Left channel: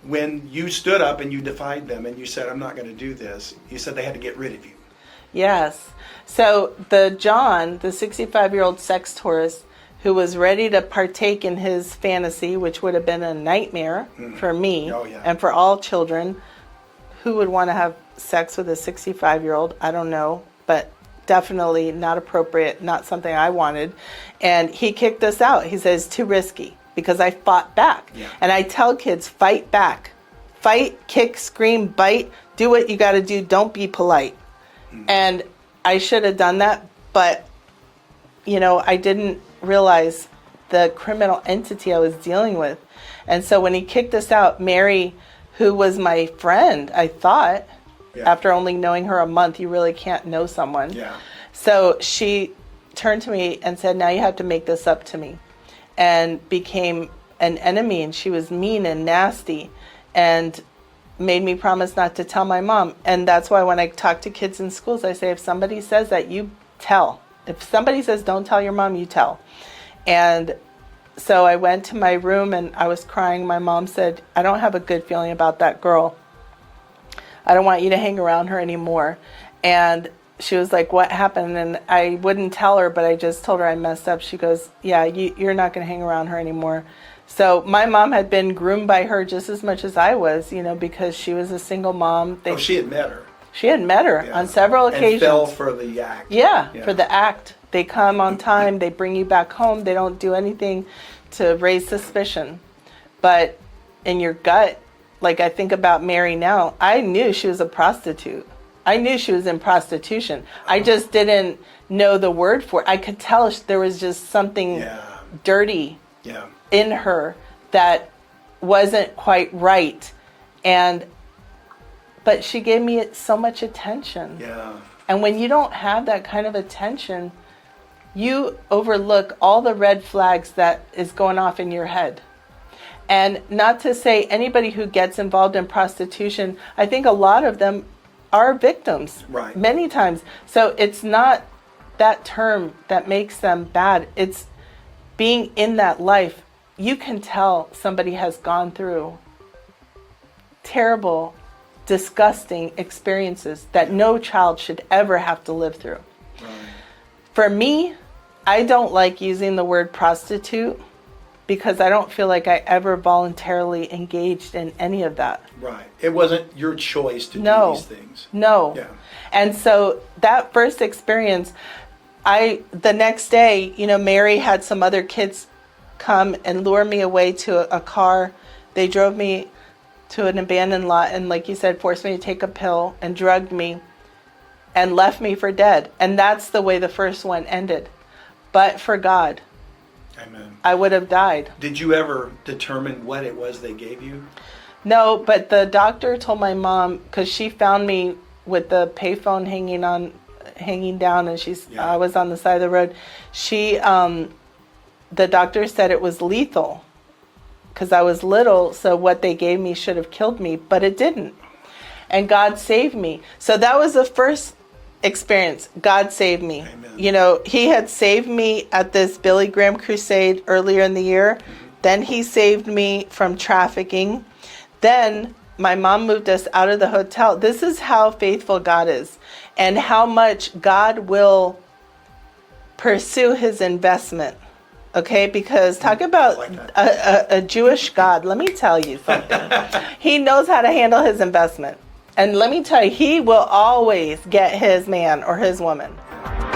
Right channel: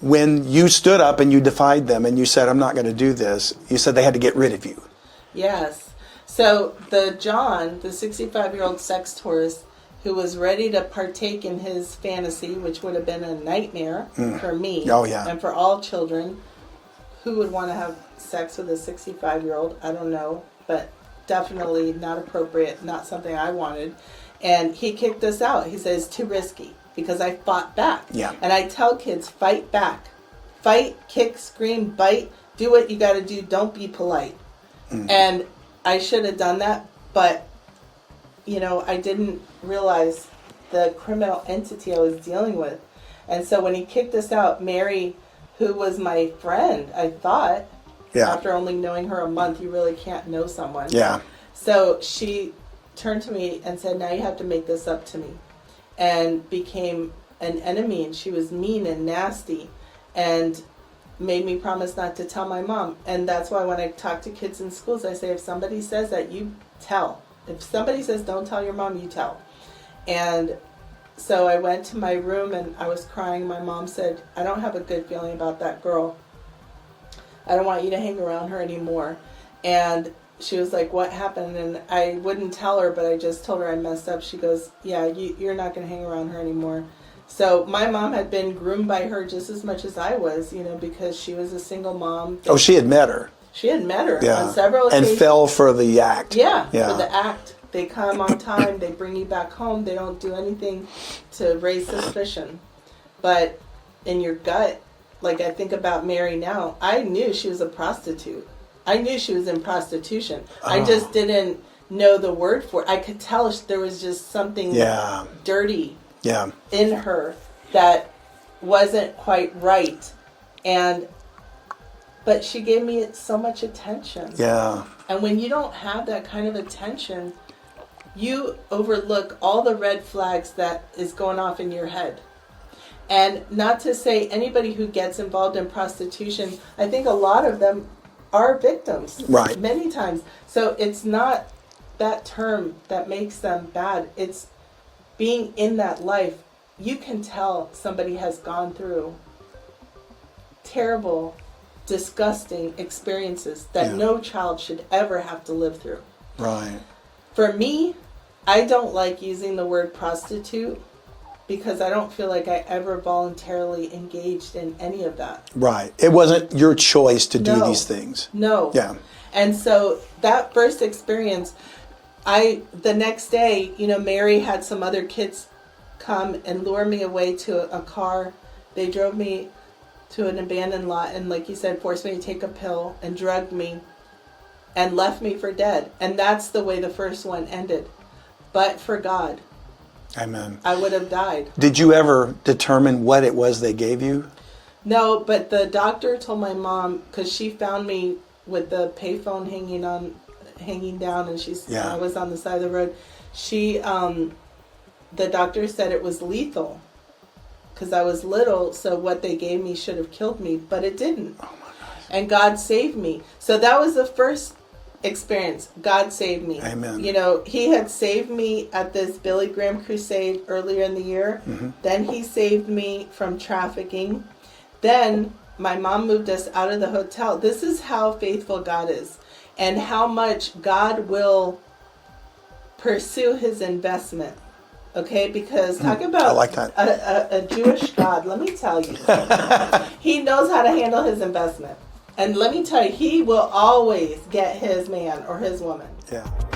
when you stood up and you defied them and you said, I'm not going to do this, you said they had to get rid of you. Yes. So the 65-year-old sex tourist who was ready to partake in his fantasy, which would have been a nightmare for me and for all children. Who would want to have sex with a 65-year-old? I don't know, but definitely not appropriate, not something I wanted. And he kicked us out. He says, too risky, because I fought back. Yeah. And I tell kids, fight back. Fight, kick, scream, bite. Do what you got to do. Don't be polite. And I should have done that, but, I didn't realize the criminal entity I was dealing with. And so when he kicked us out, Mary, who was my friend, I thought, after only knowing her a month, you really can't know someone. Yeah. So she turned to me and said, now you have to make this up to me. And became an enemy, and she was mean and nasty and made me promise not to tell my mom. And that's why when I talk to kids in schools, I say, if somebody says that, you tell. If somebody says, don't tell your mom, you tell. And so I went to my room and I was crying. My mom said, I don't have a good feeling about that girl. I don't want you to hang around her anymore. And she was like, what happened? And I wouldn't tell her, but I just told her I messed up. She goes, yeah, you're not going to hang around her anymore. So my mom had been groomed by her just as much as I was, because she was a single mom. She had met her. She had met her on several occasions. And fell for the act. Yeah, for the act. They come on time. They bring you back home. They don't do anything to raise suspicion. But in your gut, like I think about Mary now, I knew she was a prostitute. I knew she was in prostitution. I just didn't know the word for it. I could tell there was just something dirty in her that wasn't quite right. But she gave me so much attention. Yeah. And when you don't have that kind of attention, you overlook all the red flags that is going off in your head. And not to say anybody who gets involved in prostitution, I think a lot of them are victims. Right. Many times. So it's not that term that makes them bad. It's being in that life. You can tell somebody has gone through terrible, disgusting experiences that no child should ever have to live through. Right. For me, I don't like using the word prostitute because I don't feel like I ever voluntarily engaged in any of that. Right. It wasn't your choice to do these things. No. Yeah. And so that first experience, the next day, Mary had some other kids come and lure me away to a car. They drove me to an abandoned lot and, like you said, forced me to take a pill and drugged me and left me for dead. And that's the way the first one ended. But for God, Amen, I would have died. Did you ever determine what it was they gave you? No, but the doctor told my mom, because she found me with the payphone hanging down, and I was on the side of the road. The doctor said it was lethal because I was little, so what they gave me should have killed me, but it didn't. And God saved me. So that was the first experience. God saved me. Amen. He had saved me at this Billy Graham crusade earlier in the year. Mm-hmm. Then he saved me from trafficking. Then my mom moved us out of the hotel. This is how faithful God is and how much God will pursue his investment. Okay, because talk about like that. A Jewish God. Let me tell you something. He knows how to handle his investment. And let me tell you, he will always get his man or his woman. Yeah.